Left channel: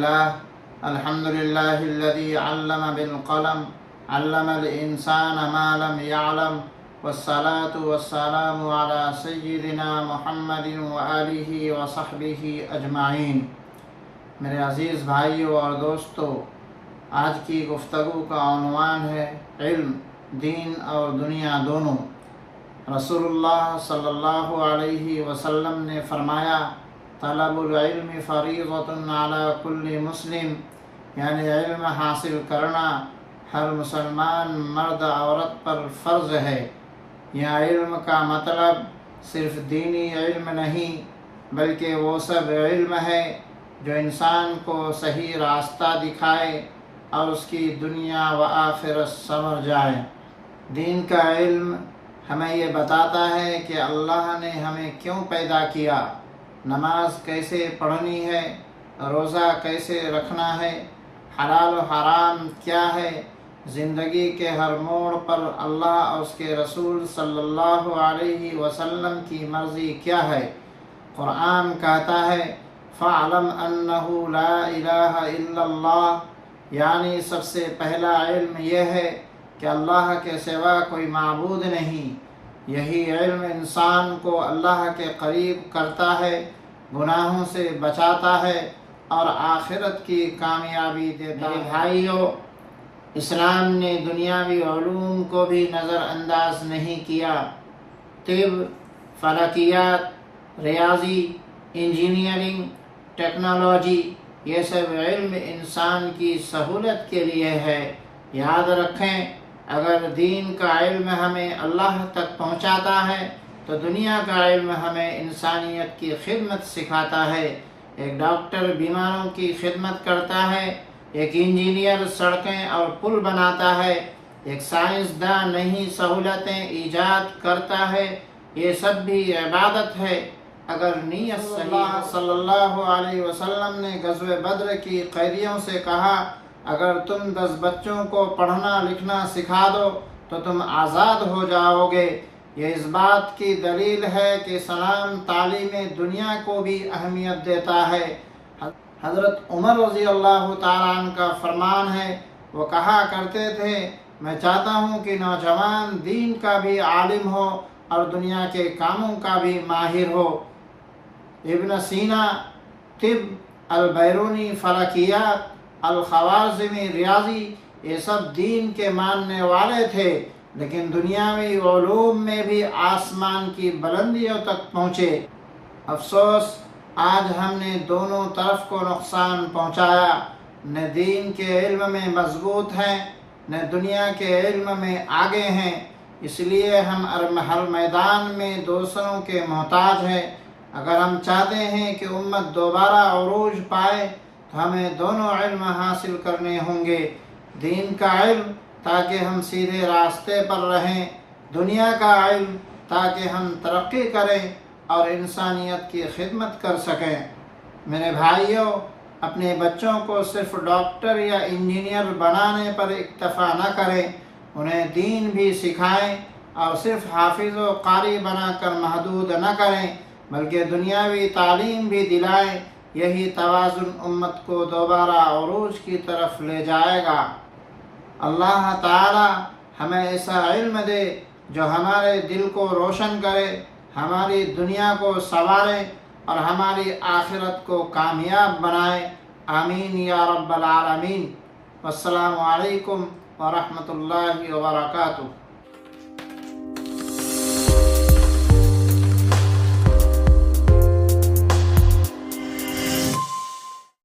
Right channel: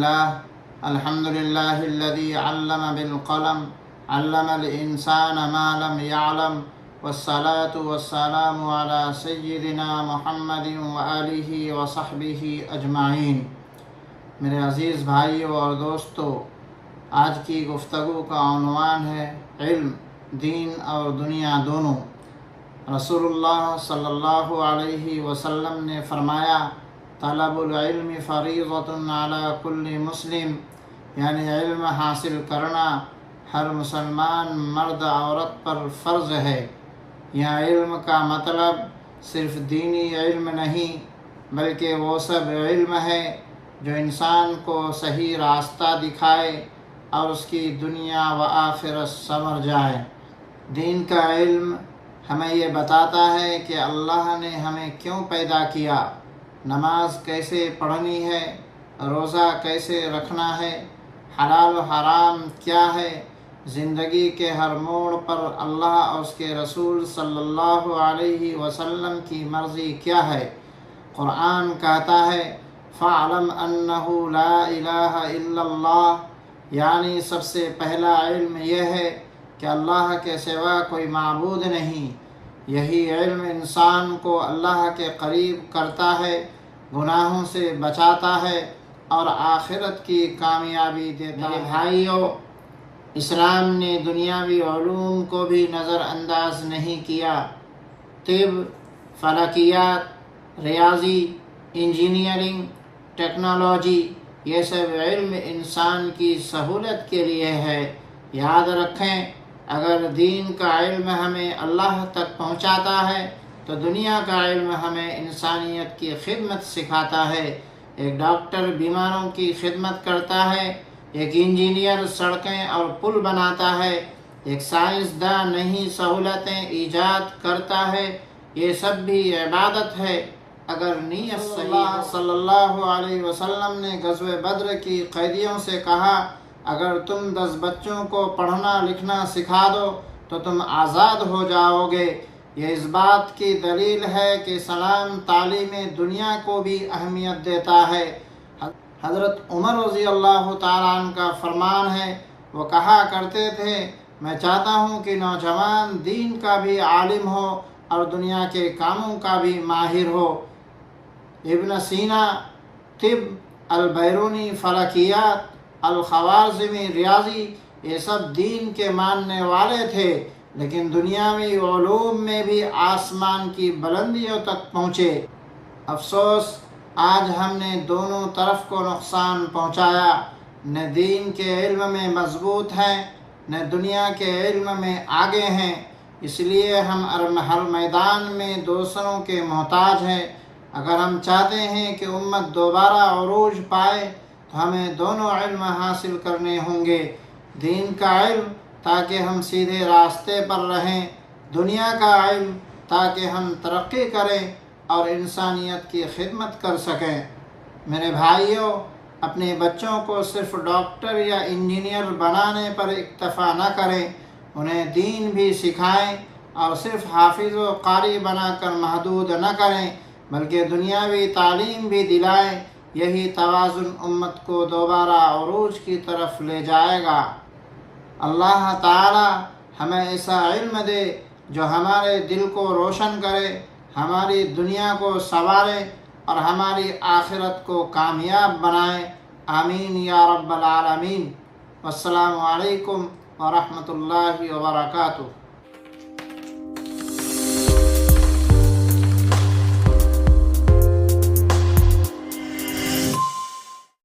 لله الحمد لله الذي علم بالقلم علم الإنسان ما لم يعلم والصلاة والسلام على سيدنا محمد وآلہ وصحبہ اجمعین۔ میرے عزیز بھائیوں اور دوستو، آج کی گفتگو کا عنوان ہے علم، دین اور دنیا دونوں۔ رسول اللہ صلی اللہ علیہ وسلم نے فرمایا، طلب العلم فریضۃ علی کل مسلم، یعنی علم حاصل کرنا ہر مسلمان مرد عورت پر فرض ہے۔ یہاں علم کا مطلب صرف دینی علم نہیں، بلکہ وہ سب علم ہے جو انسان کو صحیح راستہ دکھائے اور اس کی دنیا و آخرت سنور جائے۔ دین کا علم ہمیں یہ بتاتا ہے کہ اللہ نے ہمیں کیوں پیدا کیا، نماز کیسے پڑھنی ہے، روزہ کیسے رکھنا ہے، حلال و حرام کیا ہے، زندگی کے ہر موڑ پر اللہ اور اس کے رسول صلی اللہ علیہ وسلم کی مرضی کیا ہے۔ قرآن کہتا ہے، فَاعْلَمْ أَنَّهُ لَا إِلَٰهَ إِلَّا اللَّهُ، یعنی سب سے پہلا علم یہ ہے کہ اللہ کے سوا کوئی معبود نہیں۔ یہی علم انسان کو اللہ کے قریب کرتا ہے، گناہوں سے بچاتا ہے اور آخرت کی کامیابی دیتا ہے۔ بھائیو، اسلام نے دنیاوی علوم کو بھی نظر انداز نہیں کیا۔ طب، فلکیات، ریاضی، انجینئرنگ، ٹیکنالوجی، یہ سب علم انسان کی سہولت کے لیے ہے۔ یاد رکھیں، اگر دین کا علم ہمیں اللہ تک پہنچاتا ہے تو دنیا کا علم ہمیں انسانیت کی خدمت سکھاتا ہے۔ ایک ڈاکٹر بیماروں کی خدمت کرتا ہے، ایک انجینئر سڑکیں اور پل بناتا ہے، ایک سائنسداں نئی سہولتیں ایجاد کرتا ہے۔ یہ سب بھی عبادت ہے اگر نیت صحیح۔ صلی اللہ علیہ وسلم نے غزوہ بدر کی قیدیوں سے کہا، اگر تم 10 بچوں کو پڑھنا لکھنا سکھا دو تو تم آزاد ہو جاؤ گے۔ یہ اس بات کی دلیل ہے کہ اسلام تعلیم دنیا کو بھی اہمیت دیتا ہے۔ حضرت عمر رضی اللہ تعالیٰ عنہ کا فرمان ہے، وہ کہا کرتے تھے، میں چاہتا ہوں کہ نوجوان دین کا بھی عالم ہو اور دنیا کے کاموں کا بھی ماہر ہو۔ ابن سینا طب، البیرونی فلکیات، الخوارزمی ریاضی، یہ سب دین کے ماننے والے تھے، لیکن دنیاوی علوم میں بھی آسمان کی بلندیوں تک پہنچے۔ افسوس، آج ہم نے دونوں طرف کو نقصان پہنچایا، نہ دین کے علم میں مضبوط ہیں نہ دنیا کے علم میں آگے ہیں۔ اس لیے ہم ہر میدان میں دوسروں کے محتاج ہیں۔ اگر ہم چاہتے ہیں کہ امت دوبارہ عروج پائے تو ہمیں دونوں علم حاصل کرنے ہوں گے۔ دین کا علم تاکہ ہم سیدھے راستے پر رہیں، دنیا کا علم تاکہ ہم ترقی کریں اور انسانیت کی خدمت کر سکیں۔ میرے بھائیوں، اپنے بچوں کو صرف ڈاکٹر یا انجینئر بنانے پر اکتفا نہ کریں، انہیں دین بھی سکھائیں اور صرف حافظ و قاری بنا کر محدود نہ کریں، بلکہ دنیاوی تعلیم بھی دلائیں۔ یہی توازن امت کو دوبارہ عروج کی طرف لے جائے گا۔ اللہ تعالی ہمیں ایسا علم دے جو ہمارے دل کو روشن کرے، ہماری دنیا کو سنوارے اور ہماری آخرت کو کامیاب بنائے۔ آمین یا رب العالمین۔ والسلام علیکم ورحمۃ اللہ وبرکاتہ۔